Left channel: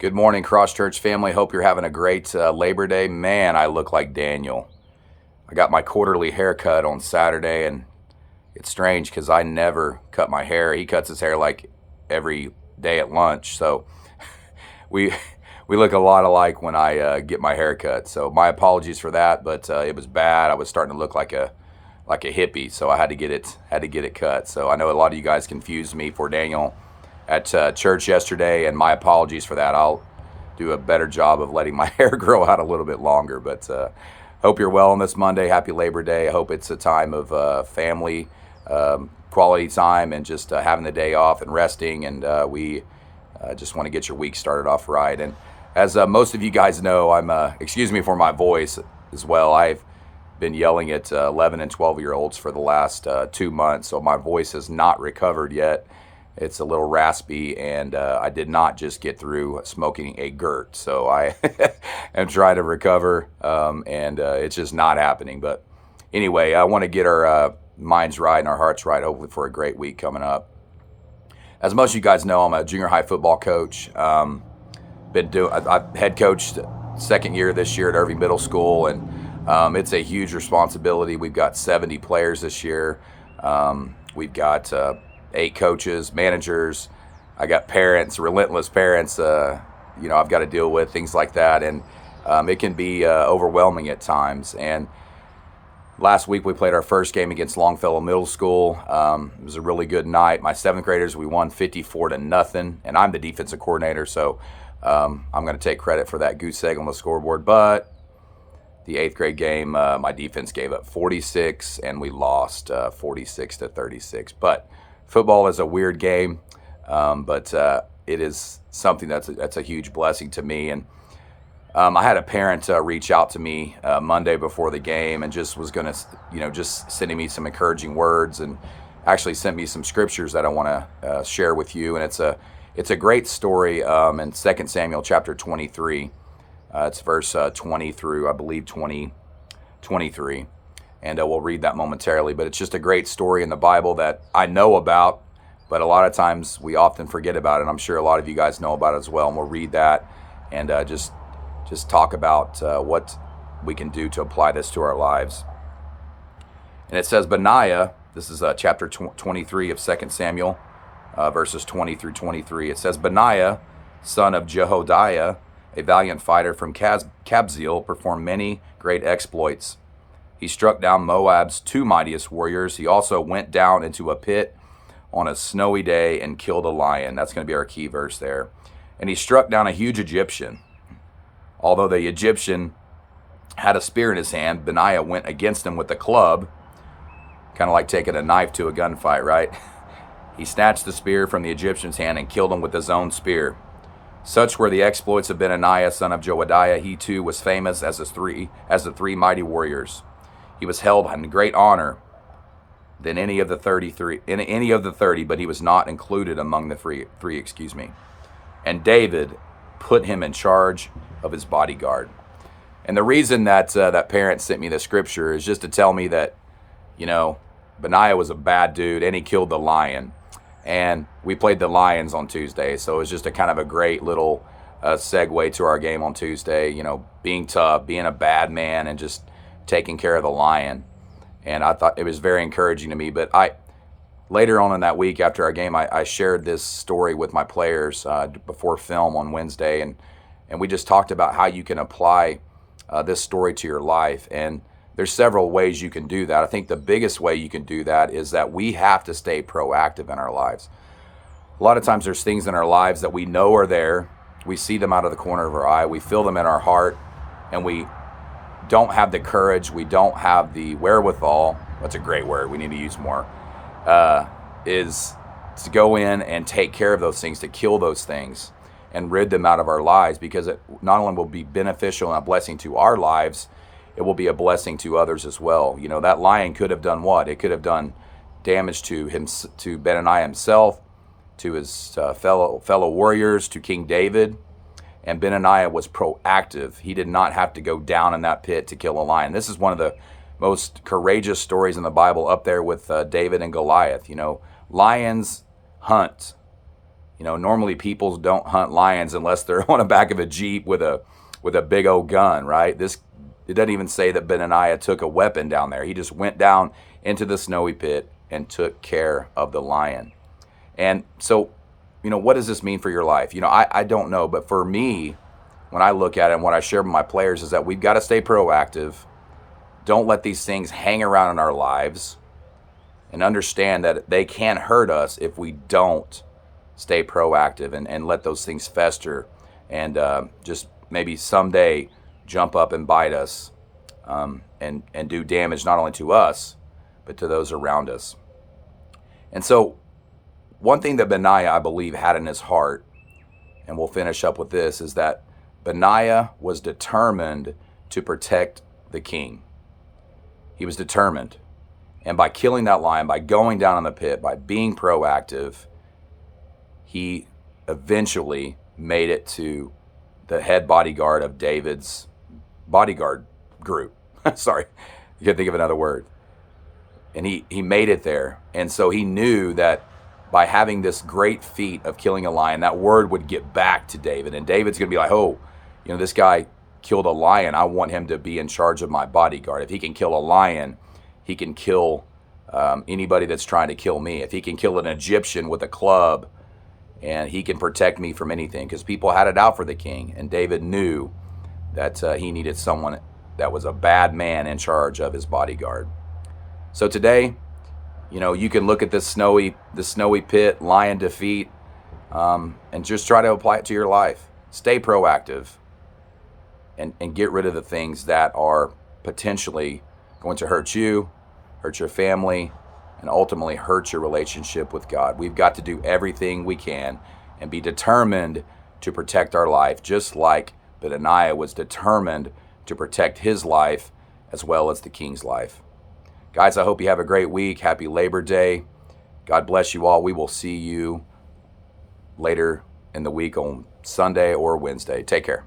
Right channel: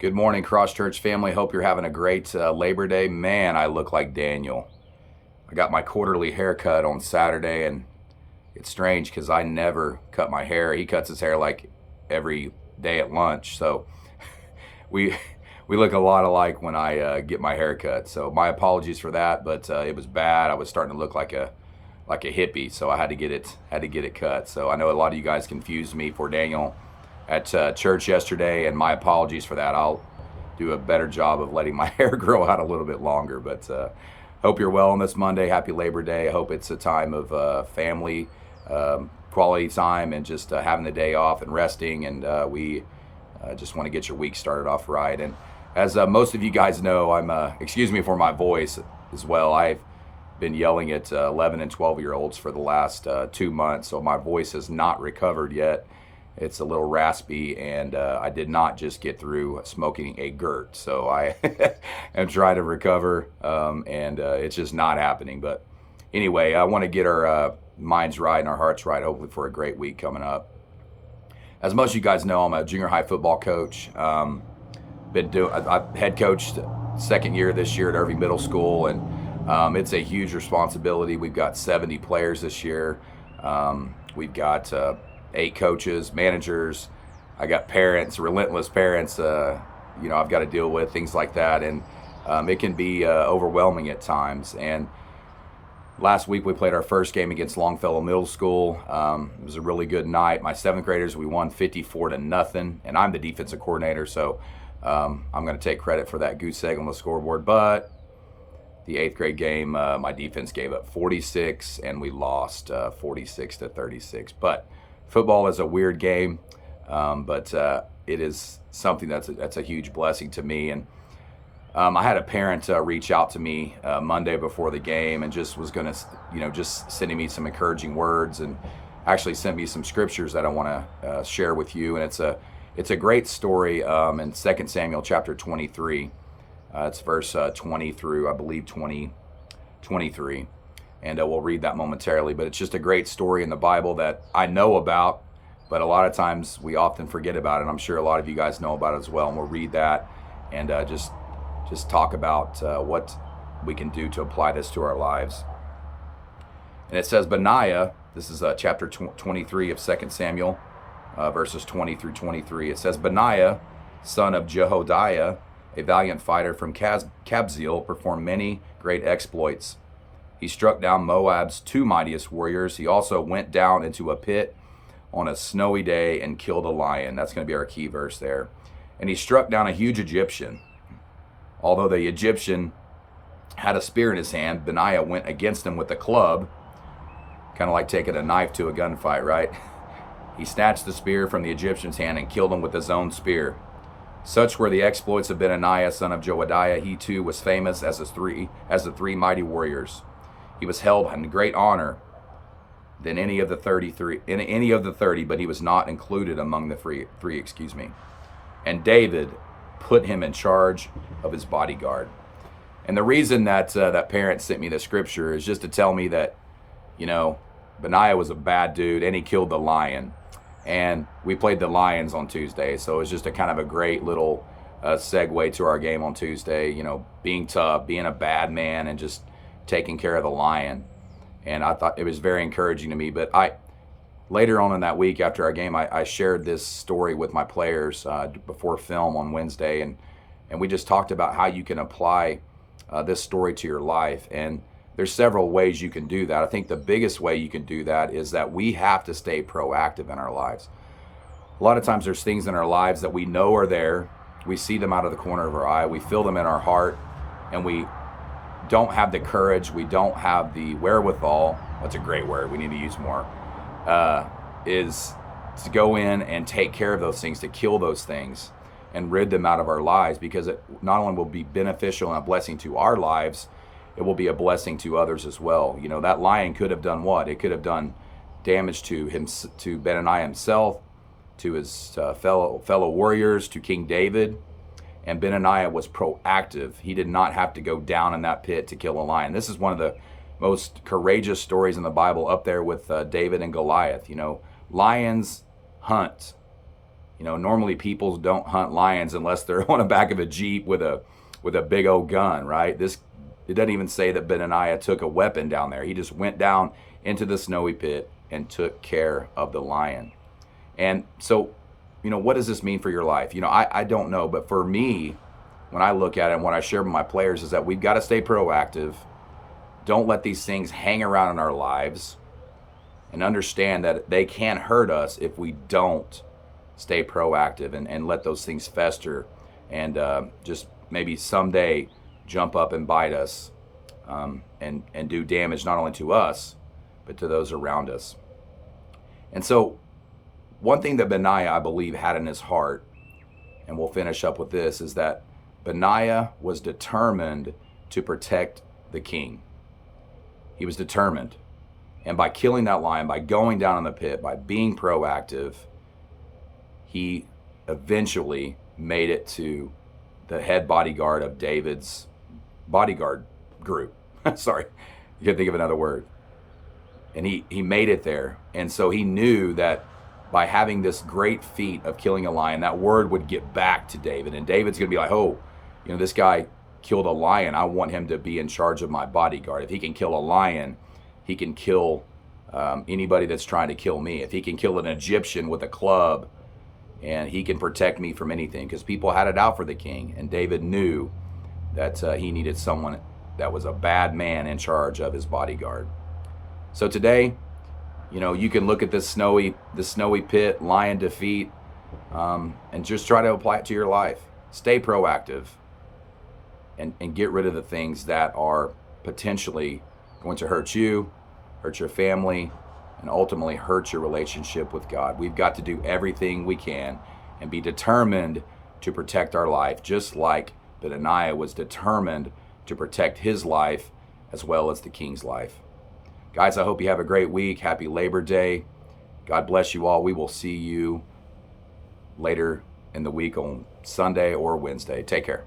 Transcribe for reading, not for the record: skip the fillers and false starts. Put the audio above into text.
Good morning, Cross Church family. Hope you're having a great Labor Day. Man, I look like Daniel. I got my quarterly haircut on Saturday, and it's strange because I never cut my hair. He cuts his hair like every day at lunch, so we we look a lot alike when I get my hair cut. So my apologies for that, but it was bad. I was starting to look like a hippie, so I had to get it cut. So I know a lot of you guys confused me for Daniel at church yesterday, and my apologies for that. I'll do a better job of letting my hair grow out a little bit longer. But hope you're well on this Monday. Happy Labor Day. I hope it's a time of family, quality time, and just having the day off and resting. And we just want to get your week started off right. And as most of you guys know, excuse me for my voice as well. I've been yelling at 11 and 12-year-olds for the last 2 months, so my voice has not recovered yet. It's a little raspy, and I did not just get through smoking a Gert, so I am trying to recover, and it's just not happening. But anyway, I want to get our minds right and our hearts right, hopefully for a great week coming up. As most of you guys know, I'm a junior high football coach. I've head coached second year this year at Irving Middle School, and it's a huge responsibility. We've got 70 players this year. We've got 8 coaches, managers. I got parents, relentless parents. I've got to deal with things like that, and it can be overwhelming at times. And last week we played our first game against Longfellow Middle School. It was a really good night. My 7th graders, we won 54-0, and I'm the defensive coordinator, so I'm going to take credit for that goose egg on the scoreboard. But the 8th grade game, my defense gave up 46, and we lost 46-36. But football is a weird game, but it is something that's a huge blessing to me. And I had a parent reach out to me Monday before the game, and just was going to, just sending me some encouraging words, and actually sent me some scriptures that I want to share with you. And it's a great story in 2 Samuel chapter 23. It's verse 20 through, I believe, 23. And we'll read that momentarily. But it's just a great story in the Bible that I know about, but a lot of times we often forget about it. And I'm sure a lot of you guys know about it as well. And we'll read that and just talk about what we can do to apply this to our lives. And it says, Benaiah, this is chapter 23 of 2 Samuel, verses 20 through 23. It says, Benaiah, son of Jehoiada, a valiant fighter from Kabzeel, performed many great exploits. He struck down Moab's 2 mightiest warriors. He also went down into a pit on a snowy day and killed a lion. That's going to be our key verse there. And he struck down a huge Egyptian. Although the Egyptian had a spear in his hand, Benaiah went against him with a club, kind of like taking a knife to a gunfight, right? He snatched the spear from the Egyptian's hand and killed him with his own spear. Such were the exploits of Benaiah, son of Jehoiada. He too was famous as the 3 mighty warriors. He was held in great honor than any of the 30, but he was not included among the three. And David put him in charge of his bodyguard. And the reason that that parent sent me the scripture is just to tell me that, Benaiah was a bad dude, and he killed the lion. And we played the Lions on Tuesday, so it was just a kind of a great little segue to our game on Tuesday. Being tough, being a bad man, and just taking care of the lion. And I thought it was very encouraging to me. But later on in that week after our game, I shared this story with my players before film on Wednesday, and we just talked about how you can apply this story to your life. And there's several ways you can do that. I think the biggest way you can do that is that we have to stay proactive in our lives. A lot of times there's things in our lives that we know are there. We see them out of the corner of our eye. We feel them in our heart, and we don't have the courage, we don't have the wherewithal, that's a great word, we need to use more, is to go in and take care of those things, to kill those things and rid them out of our lives, because it not only will be beneficial and a blessing to our lives, it will be a blessing to others as well. That lion could have done what? It could have done damage to him, to Benaiah himself, to his fellow warriors, to King David. And Benaiah was proactive. He did not have to go down in that pit to kill a lion. This is one of the most courageous stories in the Bible, up there with David and Goliath. Lions hunt. You know, normally people don't hunt lions unless they're on the back of a Jeep with a big old gun, right? It doesn't even say that Benaiah took a weapon down there. He just went down into the snowy pit and took care of the lion. And so, you know, what does this mean for your life? You know, I don't know, but for me, when I look at it and what I share with my players is that we've got to stay proactive. Don't let these things hang around in our lives, and understand that they can hurt us if we don't stay proactive and let those things fester and just maybe someday jump up and bite us, and do damage not only to us, but to those around us. And so one thing that Benaiah, I believe, had in his heart, and we'll finish up with this, is that Benaiah was determined to protect the king. He was determined. And by killing that lion, by going down in the pit, by being proactive, he eventually made it to the head bodyguard of David's bodyguard group. Sorry, I couldn't think of another word. And he made it there. And so he knew that by having this great feat of killing a lion, that word would get back to David. And David's going to be like, oh, you know, this guy killed a lion. I want him to be in charge of my bodyguard. If he can kill a lion, he can kill anybody that's trying to kill me. If he can kill an Egyptian with a club, and he can protect me from anything, because people had it out for the king. And David knew that he needed someone that was a bad man in charge of his bodyguard. So today, you know, you can look at this snowy pit, lion defeat, and just try to apply it to your life. Stay proactive, and get rid of the things that are potentially going to hurt you, hurt your family, and ultimately hurt your relationship with God. We've got to do everything we can and be determined to protect our life, just like Benaiah was determined to protect his life as well as the king's life. Guys, I hope you have a great week. Happy Labor Day. God bless you all. We will see you later in the week on Sunday or Wednesday. Take care.